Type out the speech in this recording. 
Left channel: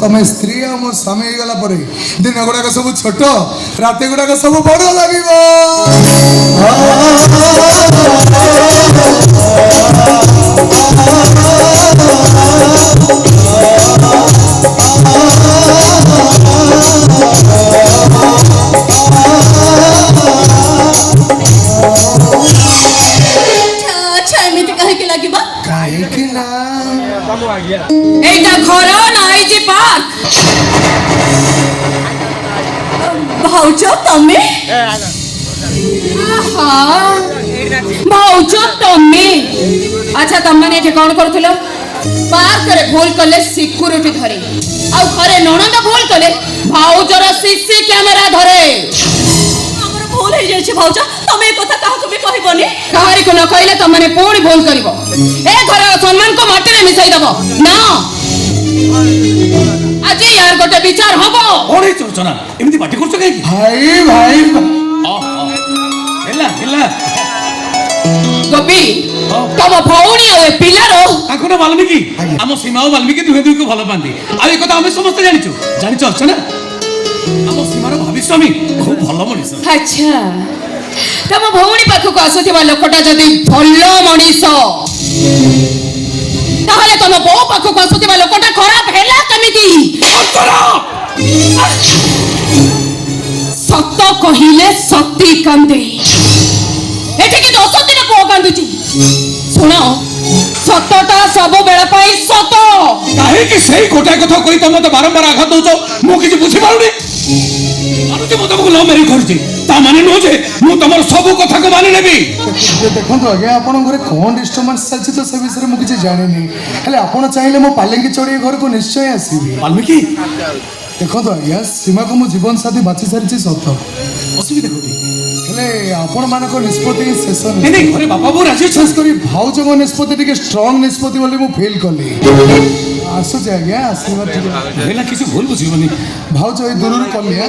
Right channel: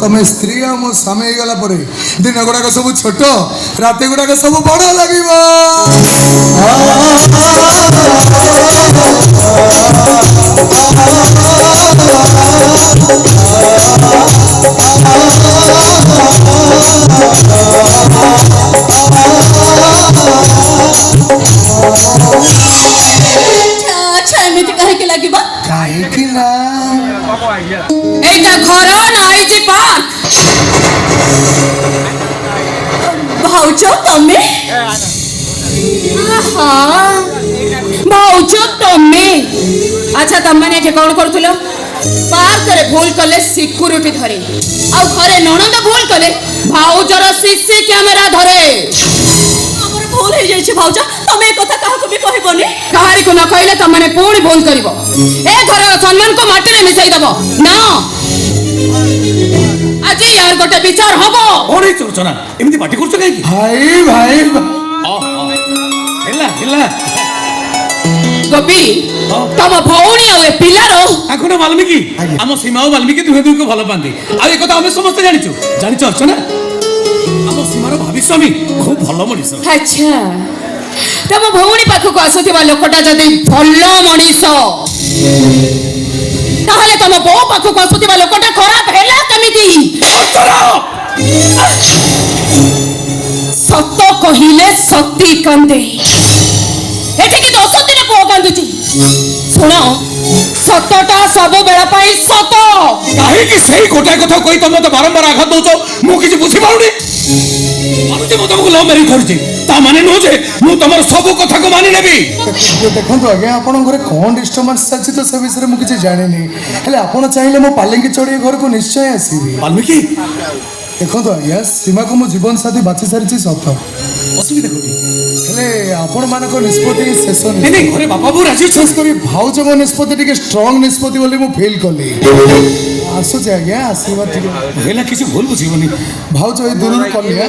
तमे स्त्री आ मो समय गला परे दिन गुड़ाक सब छोट रात गुड़ाक सब बड़ लगिबो भाऊचो तमे भाऊचो तमे अच्छा तम मैंने कौन करूलो पार्क रे भूल कले सिक्यूरिटी धरे आ घरे नणंद भूल कले भाऊजर सीसी कैमरा धरे हमर भूल हो जाय छै भाऊजा तमे कथा काहा को भी कहबोनी काहारी को न कहले तम माने पूरी भूल करबो ए घर सम्मान को माटी रे मिसाई दबो ना आज यार गोटे विचार हबो ओरे चोचना एमती पार्टी करछ काई भाई भाई हेला हेला गोपी तम भौणी आ ए पिलारो आखुना वाल्मीकि हम सीमा वाल्मीकि दुहे दुहे को भलो पांती आ ए कथा हम समस्त जानिछु अर्चना हम सीमार भविष्यमी खूब भलो मनिस अच्छा तम भौणी पाखु को आसुथिबा लोकटा जदी भलो मनिस ताहले तम बो पाखु को आसुथिबा लोकटा खराब हेला कमिति सत्य कहिले सत्य कांदे एठी कि दोष दिन को कांदुची सुनो सत्यटा सब बेला पाई सत काहे कि सही गोटाय कथा कोई तम तो बारंबार आघात दोचो मु किछि बुझी पाउनी अनुति मो तुमको लव मैरिज करछि ता माने नो जे मु तमर सब कथा को मानि लेबी देखो आज्ञा आपण घरे कौन डिस्टर्बेंस चलछि तो से विषय मु किछि जाने नहीं हेले आपण चाहिले मो पालेंगी चोड़ी घर को निश्चय आसीबी वाल्मीकि देखो आज्ञा सीमा को मो जीवन साथी बाची सारिछि सत असुविधा कोठी हेले आपण मानक निष्पत्ति शेष नहीं घरे बापा बो राजी विशेष करी भाउज को निष्पत्ति टिके स्ट्रांग निष्पत्ति बोली मु फील करली आसु जे आज्ञा आशीर्वाद टिके हेला किछि भूल बुझिबनी भाउज ए दूर कलिया